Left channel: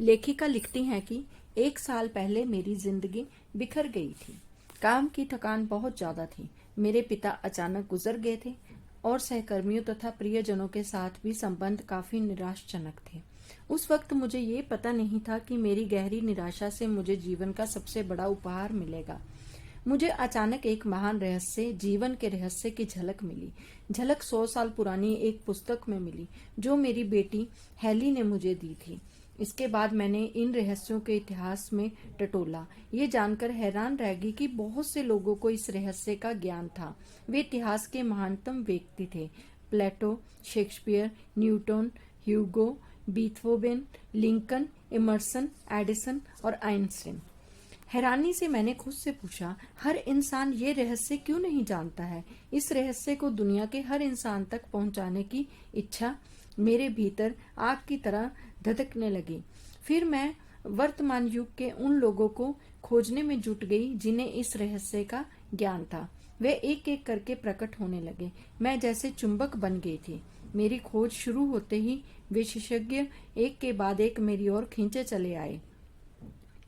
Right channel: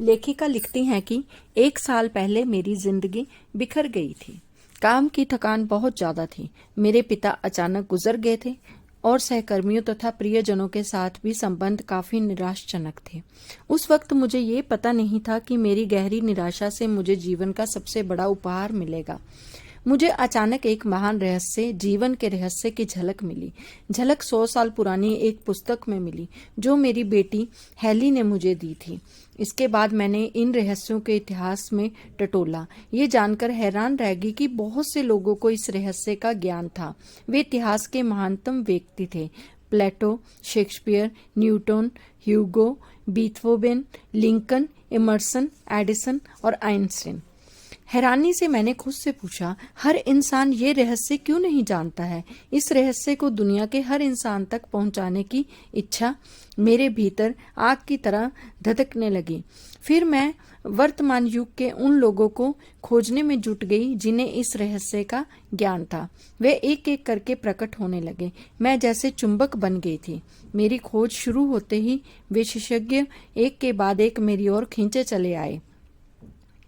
लेखिका लिखती हैं कि 1 साल पहले मेरी जिंदगी बिखर गई थी। काम की थकान बहुत ज्यादा थी। मेरे पिता अचानक गुजर गए थे और सहकर्मियों तथा प्रियजनों के साथ भी संबंध काफी निराशाजनक थे। उस वक्त मुझे ये पता नहीं था कि मेरी गहरी निराशा से मुझे जीवन का सबसे बड़ा उपहार मिलेगा। मुझे अचानक एक महान रहस्य, जीवन के रहस्य की झलक मिली। झलक 100 साल पुरानी एक पुस्तक में मिली जो मेरी बेटी हैली ने मुझे दी थी। इसके बाद मैंने इन रहस्यों के इतिहास में टटोला। ये जानकर हैरान रह गई कि बहुत से लोगों को इस रहस्य का ज्ञान था। वे इतिहास के महानतम व्यक्ति थे। प्लेटो, शेक्सपियर, न्यूटन, ह्यूगो, बीथोवेन, लिंकन, इमर्सन, एडिसन और आइंस्टीन। हैरानी से मैंने खुद से पूछा, हर इंसान ये रहस्य क्यों नहीं जानता है? इस रहस्य को दुनिया के हर इंसान तक पहुंचाने की इच्छा मेरे भीतर आग की तरह धधकने लगी। फिर मैं वर्तमान युग के उन लोगों को खोजने में जुट गई जिन्हें इस रहस्य का ज्ञान था। वे एक एक करके प्रकट होने लगे। मैं जैसे चुंबक बन गई थी। मेरी खोज शुरू होते ही विशेषज्ञ एक के बाद एक मेरी ओर खींचे चले आए।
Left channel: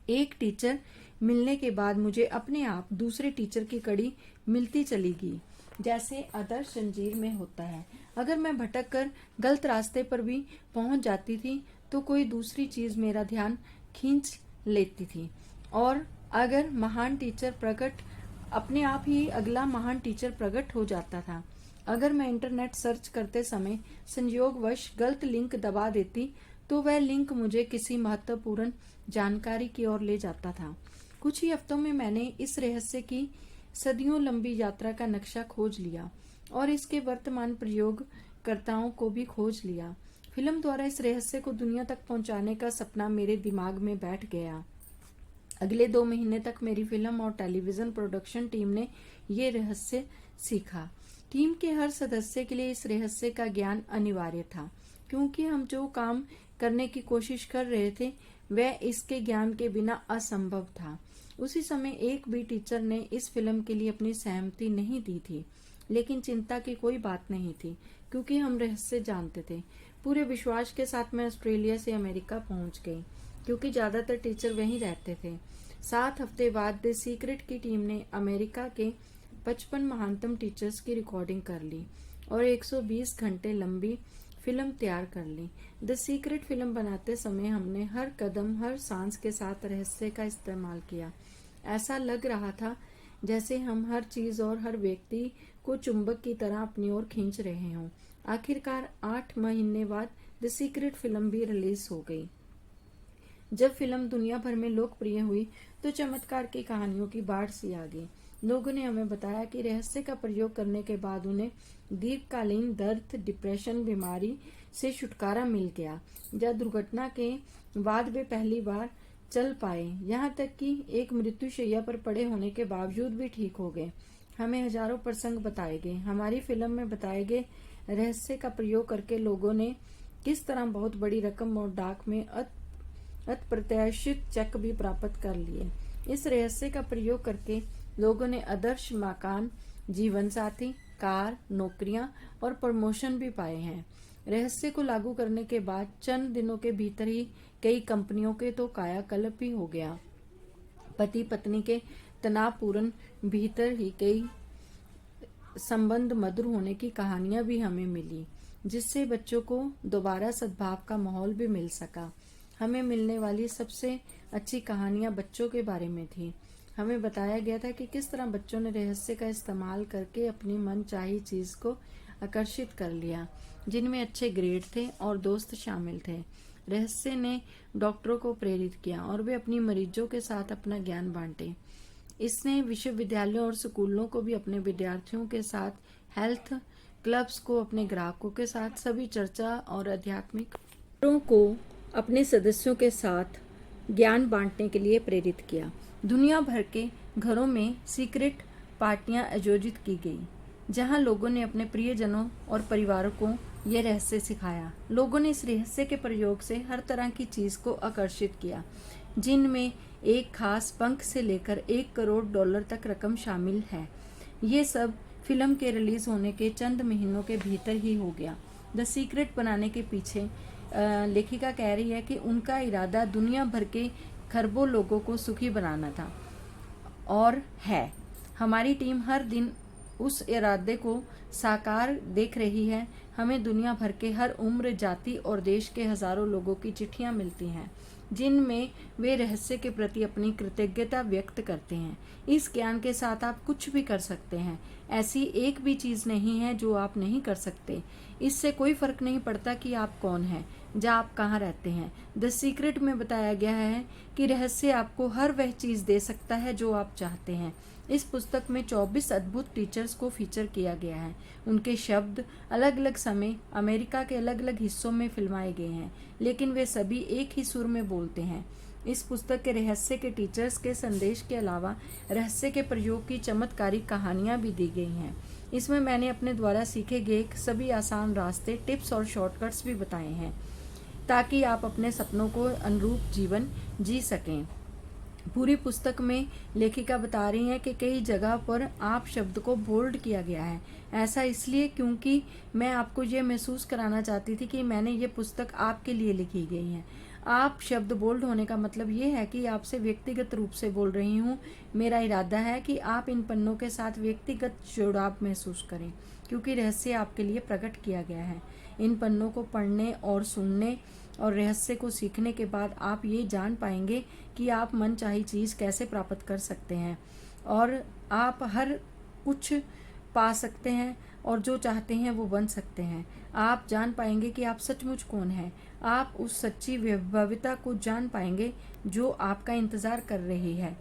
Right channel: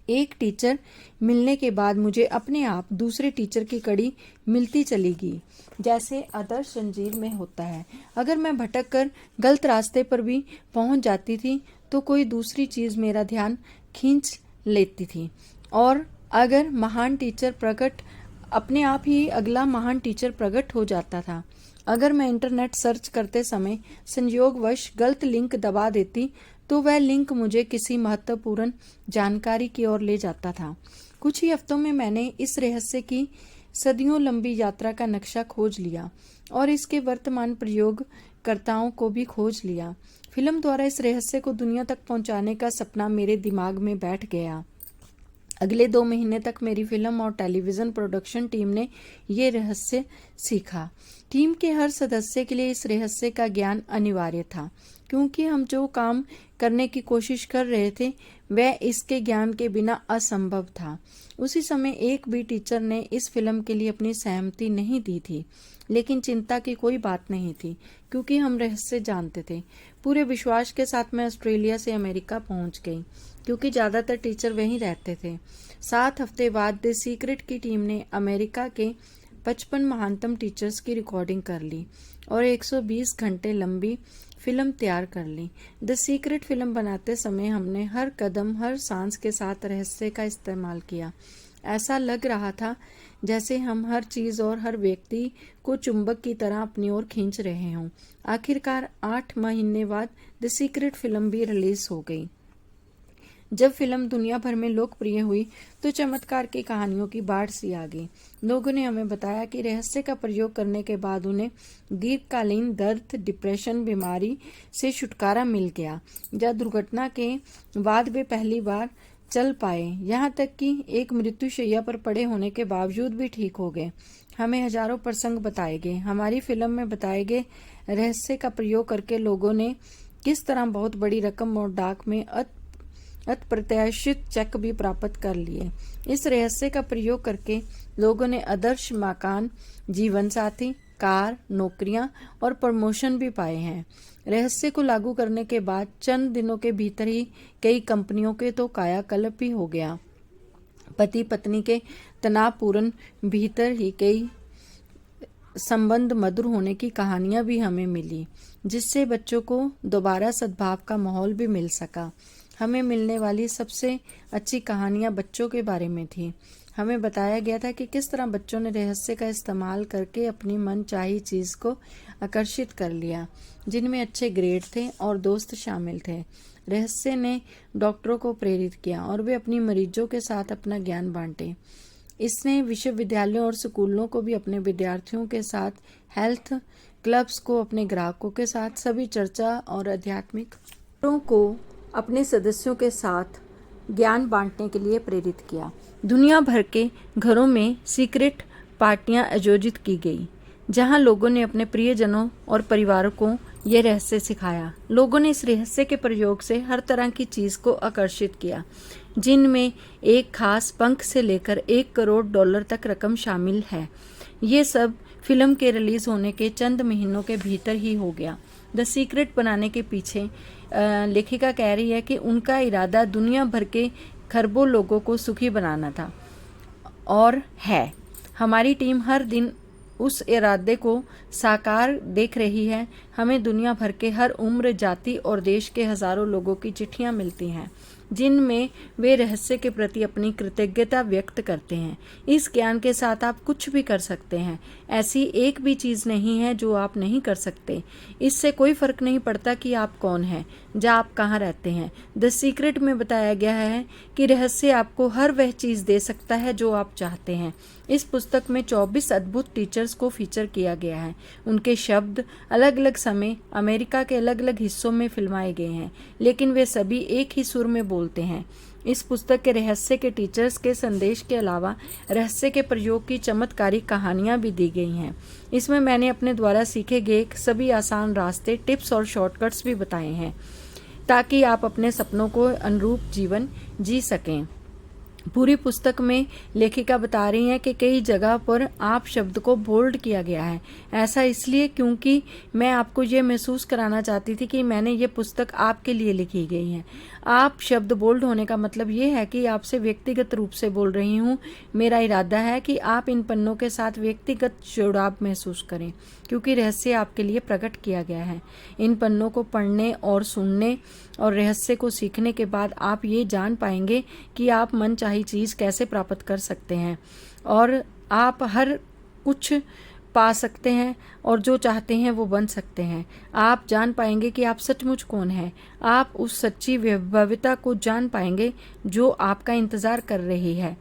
एक टीचर मिलने के बाद मुझे अपने आप दूसरे टीचर की कड़ी मिलती चली गई, जैसे आदर्श जंजीर में होता है। अगर मैं भटक कर गलत रास्ते पर भी पहुंच जाती थी तो कोई दूसरी चीज मेरा ध्यान खींच लेती थी और अगर महान टीचर प्रकट अपने आप ही अगला महान टीचर प्रकट हो जाता था। अगर मैं इंटरनेट सर्च करते समय संयोगवश गलत लिंक दबा देती तो वह लिंक मुझे किसी महत्वपूर्ण जानकारी की ओर ले जाता था। कुछ ही हफ्तों में मैंने इस रहस्य की सदियों लंबी यात्रा का नक्शा खोज लिया और इसके वर्तमान प्रयोगकर्ताओं को भी खोज लिया। फिल्म द्वारा इस रहस्य को दुनिया तक पहुंचाने का सपना मेरे दिमाग में बैठ गया। अगले 2 महीने तक मेरी फिल्म और टेलीविजन प्रोडक्शन टीम ने ये रहस्य सीखा। टीम के हर सदस्य के लिए इस रहस्य का ज्ञान अनिवार्य था, क्योंकि हम जो काम करने की कोशिश कर रहे थे वह इसके ज्ञान के बिना असंभव था। उसी समय एक भी टीचर ने इस फिल्म के लिए अपनी सहमति नहीं दी थी, लेकिन चिंता की कोई बात नहीं थी क्योंकि हम रहस्य जानते थे। पूरे विश्वास के साथ मैं ऑस्ट्रेलिया से अमेरिका पहुंच गई क्योंकि ज्यादातर टीचर वहीं रहते थे। 7 हफ्ते बाद द सीक्रेट की टीम ने अमेरिका के 55 महानतम टीचर्स की रिकॉर्डिंग कर ली और 120 घंटे लंबी फिल्म तैयार कर ली। द सीक्रेट फिल्म बनाते समय हमने हर कदम, हर सांस के साथ रहस्य का इस्तेमाल किया। ऐसा लग रहा था जैसे हम हर चीज और हर व्यक्ति को चुंबक की तरह अपनी ओर खींच रहे हों। आखिरकार 8 महीने बाद द सीक्रेट फिल्म भी रिलीज हो गई। जब फिल्म दुनिया भर में लोकप्रिय हुई तो चमत्कार की कहानियों की बाढ़ सी आ गई। लोगों ने हमें बताया कि रहस्य का प्रयोग करने के बाद उन्हें दीर्घकालीन दर्द, डिप्रेशन, बीमारी से छुटकारा मिल गया। जब दुर्घटना के बाद वे पहली बार चल पाए, यहाँ तक कि एक मृत्युशैया पर पड़े होने के बावजूद भी ठीक हो गए। हमें हजारों प्रसंग बताए गए। हमारी फिल्म में बताए गए रहस्य का प्रयोग करके लोगों ने किस तरह बहुत बड़ी रकम और डाक में अप्रत्याशित चेक भी प्राप्त कर लिए। इस रहस्य का प्रयोग करके लोगों ने आदर्श मकान, जीवन साथी, कार, नौकरियां और प्रमोशन भी पाए हैं। रहस्य को लागू करने के बाद चंद दिनों के भीतर ही कई कंपनियों के तो कायाकल्प भी हो गया। पति पत्नी के तनावपूर्ण भीतर ही कई संबंध मधुर होने की कहानियां भी हमें मिली, जिससे बच्चों को दोबारा सद्भाव का माहौल भी मिल सका। हमें मिलने वाली सबसे अच्छी कहानियां बच्चों के बारे में थी। हमें बताया गया था कि किस तरह बच्चों ने रहस्य का इस्तेमाल करके अपनी मनचाही चीज को आकर्षित कर लिया, जिनमें अच्छे ग्रेड थे और दोस्त शामिल थे। रहस्य ने डॉक्टरों को प्रेरित किया और वे अपनी मरीजों के साथ अपना ज्ञान बांटे। इसने विश्वविद्यालयों और स्कूलों को भी अपने विद्यार्थियों के साथ, हेल्थ क्लब्स को अपने ग्राहकों के साथ, सभी चर्चा और आध्यात्मिक को अपने सदस्यों के साथ ज्ञान बांटने के लिए प्रेरित किया। दुनिया भर के घरों में सीक्रेट पार्टियां आयोजित की गई, जहां लोगों ने अपने प्रियजनों और परिवारों को यह रहस्य सिखाया। लोगों ने इस रहस्य के प्रयोग से हर तरह की चीज को आकर्षित किया, जिनमें एक खास पंख से लेकर $1 करोड़ तक रकम शामिल है। ये सब फिल्म के रिलीज होने के चंद महीनों के भीतर ही हो गया। द सीक्रेट बनाने के पीछे लेखिका कह रही है कि उनका इरादा दुनिया भर के खरबों लोगों को सुखी बनाना था और है। हमारी टीम हर दिन उस इरादे को साकार देख रही है। हमें दुनिया भर के हर उम्र, जाति और देश के हजारों लोगों की चिट्ठियां मिलती हैं जिनमें वे रहस्य के प्रति अपनी कृतज्ञता व्यक्त करते हैं। इस ज्ञान के साथ आप कुछ भी कर सकते हैं। ऐसी एक भी चीज़ नहीं है जो आप नहीं कर सकते। इससे कोई फर्क नहीं पड़ता कि आप कौन हैं, या आप कहाँ रहते हैं। द सीक्रेट में बताया गया है कि रहस्य आपको हर वह चीज़ दे सकता है जो आप चाहते हैं। इस पुस्तक में 24 अद्भुत टीचर्स को फीचर किया गया है। उनके शब्द अलग अलग समय अमेरिका के अलग अलग हिस्सों में फिल्माए गए हैं, लेकिन वे सभी एक ही सुर में बोलते हैं। इस पुस्तक के रहस्य के टीचर्स के संदेश के अलावा रहस्य के प्रयोग की चमत्कारी कहानियाँ भी दी गई हैं। इसमें मैंने अपने द्वारा सीखे गए सभी आसान रास्ते, टिप्स और शॉर्टकट्स भी बताए हैं ताकि आप अपने सपनों को अनुरूप जीवन जी सकें। पूरी पुस्तक में लेखिका बता रही हैं कि कई जगह पर आप शब्द को बोल्ड किया गया है। ऐसा इसलिए क्योंकि मैं आपको ये महसूस कराना चाहती थी कि मैंने ये पुस्तक आपके लिए लिखी गई है। आप शब्द बोल्ड होने का मतलब ये है कि आपसे व्यक्तिगत रूप से बोल रही हूँ। मेरा इरादा है कि आप इन पन्नों के साथ व्यक्तिगत जुड़ाव महसूस करें, क्योंकि रहस्य आपके लिए प्रकट किया गया है। इन पन्नों को पढ़ने और सुनने और रहस्य को सीखने के बाद आप ये जान पाएंगे कि आप मनचाही चीज़ कैसे प्राप्त कर सकते हैं और आप हर कुछ पा सकते हैं और जो चाहते हैं वो बन सकते हैं। आप जान पाएंगे कि आप सचमुच कौन हैं। आप उस सच्ची वैभवता को जान पाएंगे जो आपका इंतज़ार कर रही है।